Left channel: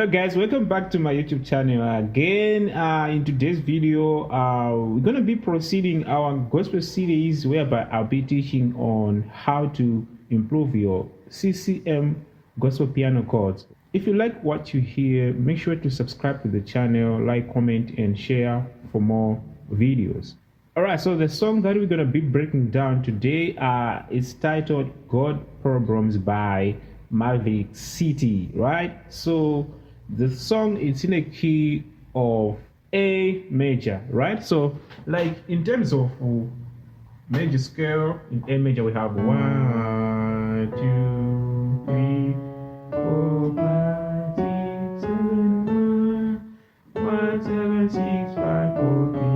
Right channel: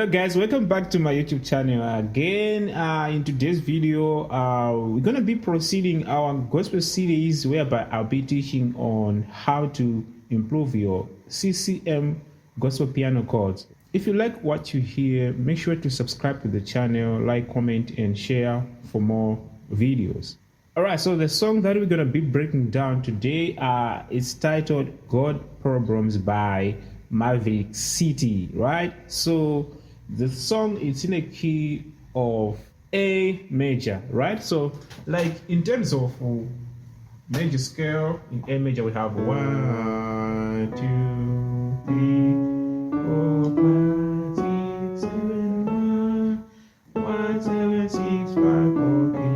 Hello guys, welcome back to my YouTube channel again. In today's video we're going to be proceeding our gospel series whereby I'll be teaching on how to improve your CCM gospel piano chords. If you like what you hear, make sure to subscribe to the channel, like, comment and share for more videos. Alright, so the song that we're going to be breaking down today is titled God Problems by Maverick City, right? So the song is in a key of A major, right? So like in terms of major scale, in A major we have 1, 2, 3, 4, 5, 6, 7, 1, 1, 7, 6, 5, 4, 3, 2,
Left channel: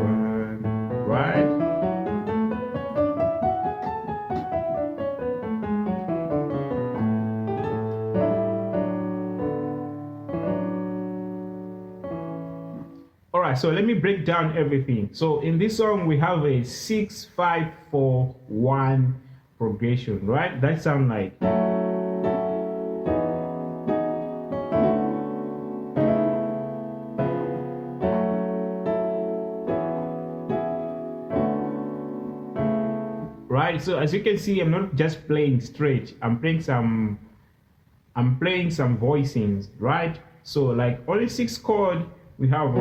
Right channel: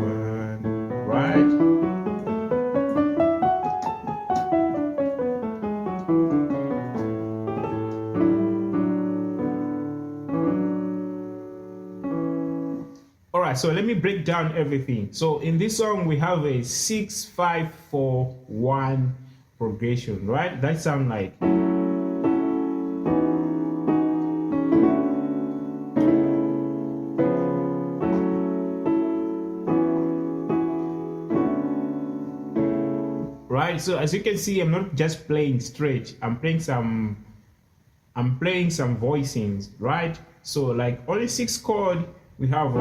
1, right? All right, so let me break down everything. So in this song, we have a 6, 5, 4, 1 progression, right? That sounds like. Right, so as you can see, I'm not just playing straight. I'm playing some voicings, right? So like only 6 chord, we have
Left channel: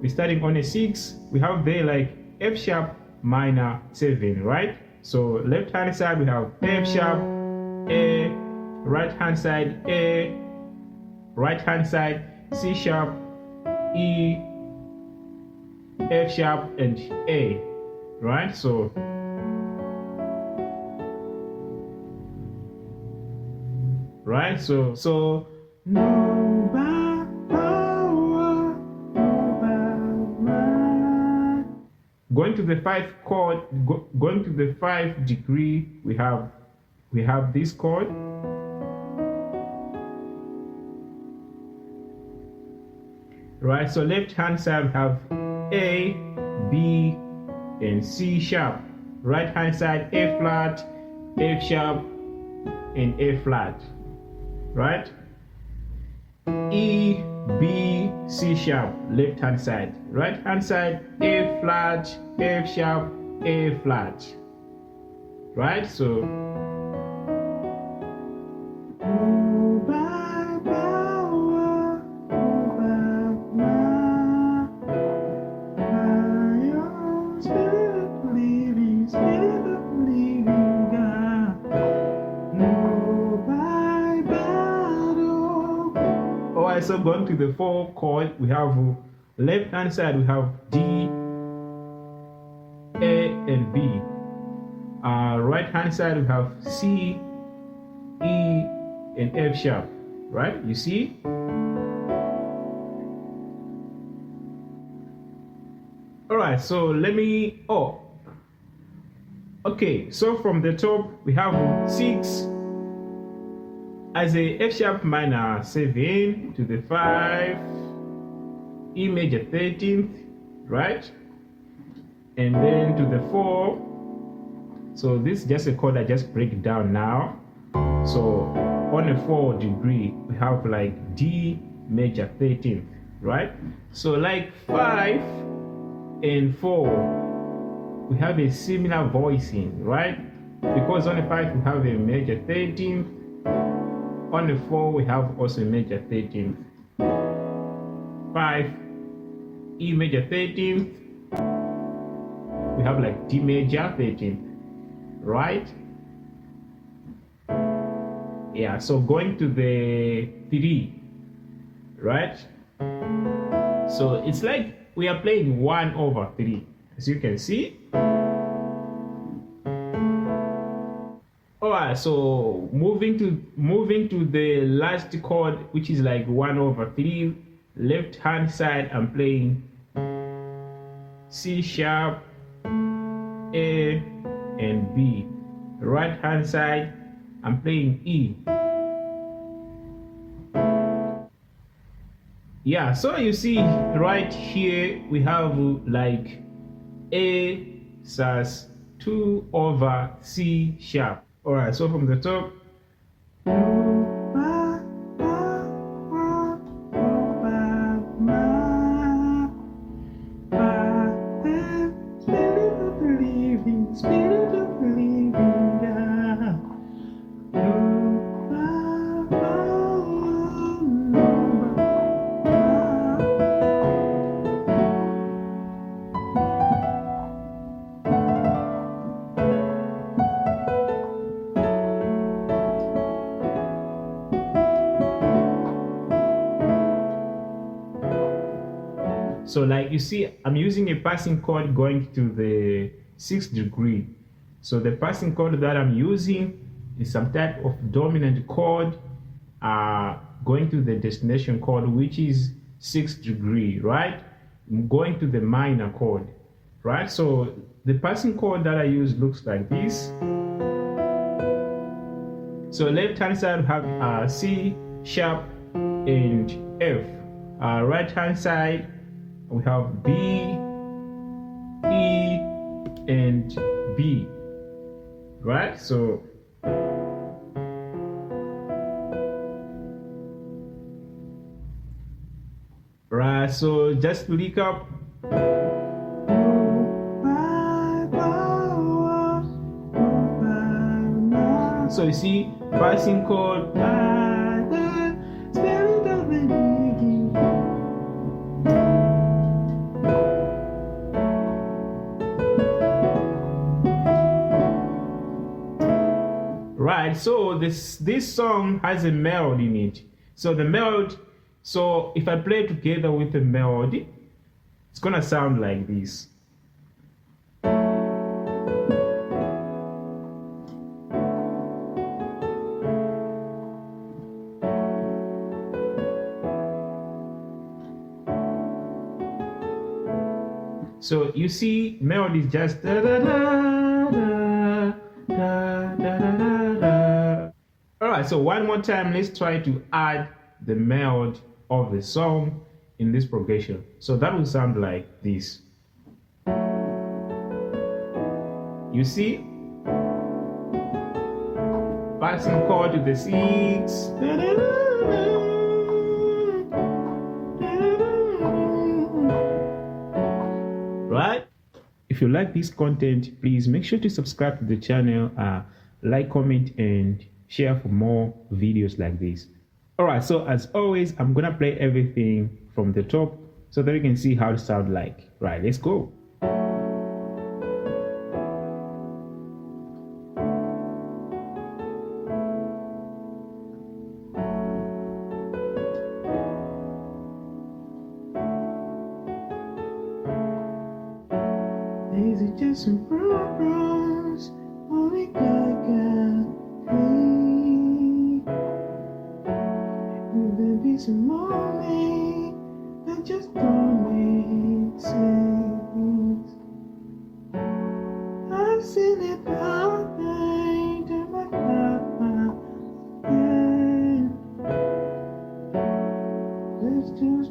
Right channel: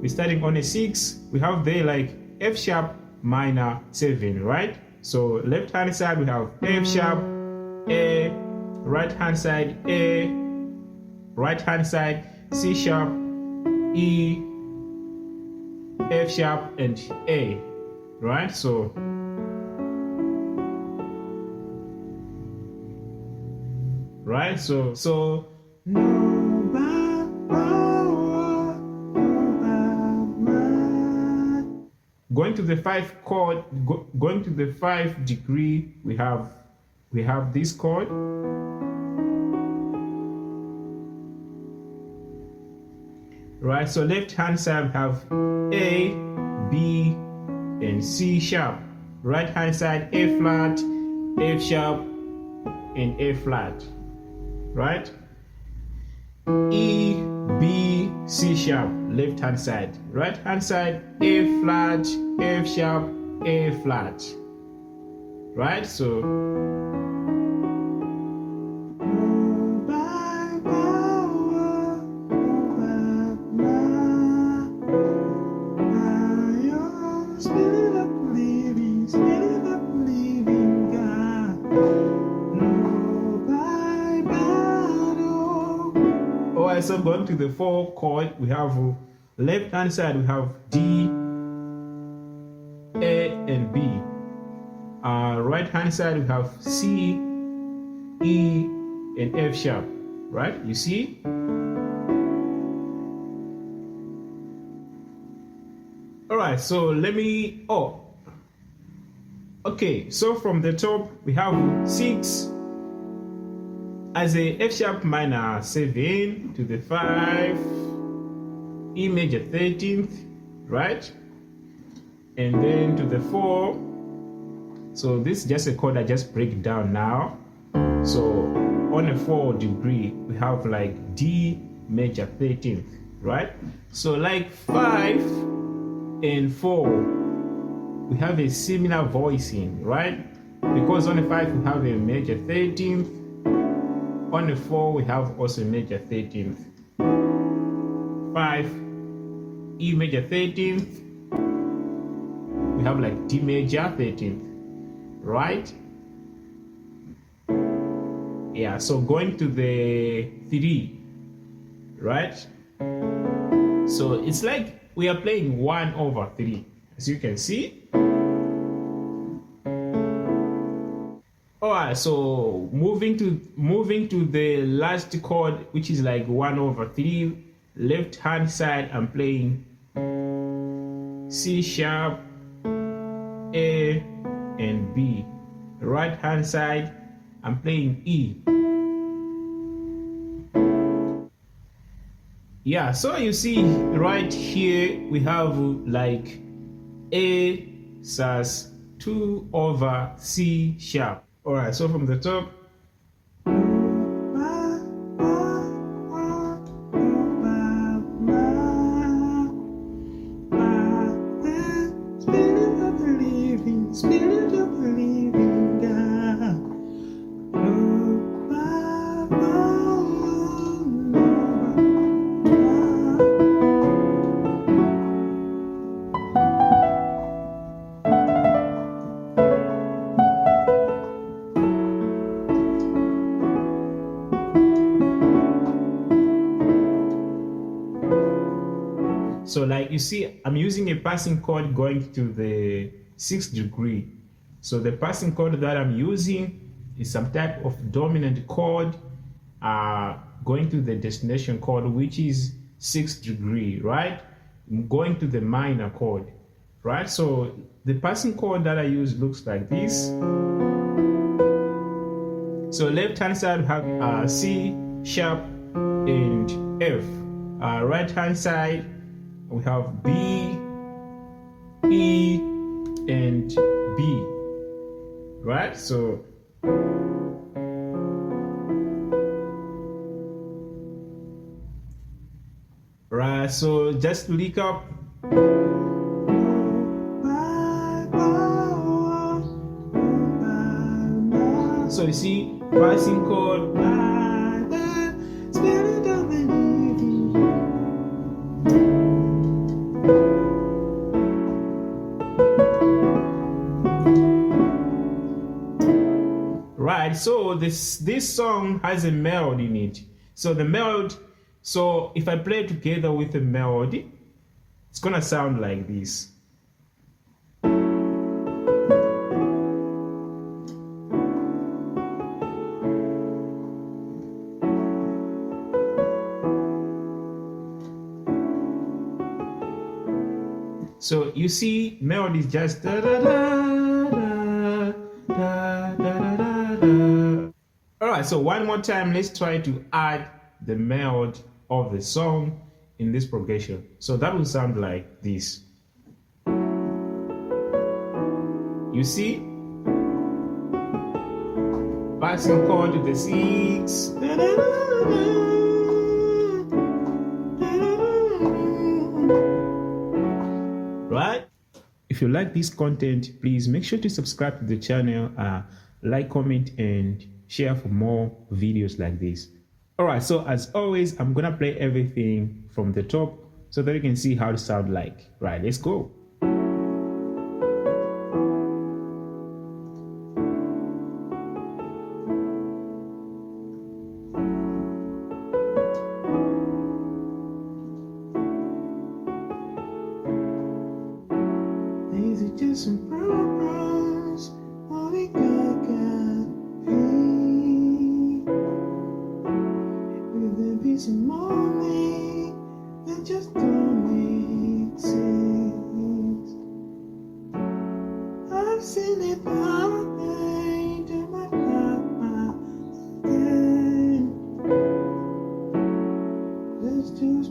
we're starting on a 6, we have there like F sharp minor 7, right? So left hand side we have F sharp, A, right hand side A, right hand side C sharp, E, F sharp and A, right? So going to the 5 chord, going to the 5 degree, we have this chord, right? So left hand side we have A, B and C sharp, right hand side A flat, F sharp and A flat, right? E, B, C sharp, left hand side, right hand side A flat, F sharp, A flat, right? So so going to the 4 chord, we have left hand side we have D, A and B. Right hand side we have C, E and F sharp, right? You see? Alright, so let me, okay, so from the top we have 6 as a F sharp minor 7 to the 5, E major 13th, right? And then to the 4. So this is just a chord I just break down now. So on a 4 degree, we have like D major 13th, right? So like 5 and 4, we have a similar voicing, right? Because on the 5 we have a major 13th. On the 4 we have also a major 13th, 5 E major 13th, we have like D major 13th, right? Yeah, so going to the 3, right? So it's like we are playing 1/3, as you can see. Alright, so moving to the last chord, which is like 1/3, left hand side I'm playing C sharp, A and B. Right hand side I'm playing E. Yeah, so you see right here we have like A sus2/C sharp. All right, so from the top, Spirit of the living God. So like you see, I'm using a passing chord going to the 6th degree. So the passing chord that I'm using is some type of dominant chord going to the destination chord, which is 6th degree, right? I'm going to the minor chord, right? So the passing chord that I use looks like this. So left hand side we have C sharp and F. Right hand side we have B, E, and B, right? So so just to recap. So you see, passing chord. Right, so this song has a melody in it. So the melody, so if I play together with the melody, it's gonna sound like this. So you see, melody is just da da da da da da da da da. All right, so one more time, let's try to add the melody of the song in this progression. So that will sound like this. You see, passing chord to the 6. Da, da, da, da. Right? If you like this content, please make sure to subscribe to the channel, like, comment, and share for more videos like this. All right, so as always, I'm gonna play everything from the top so that you can see how it sounds like. Right, let's go. These are just some problems, only God can feel. Will there be some morning that just don't make sense? I've seen it happen to my papa again. Let's just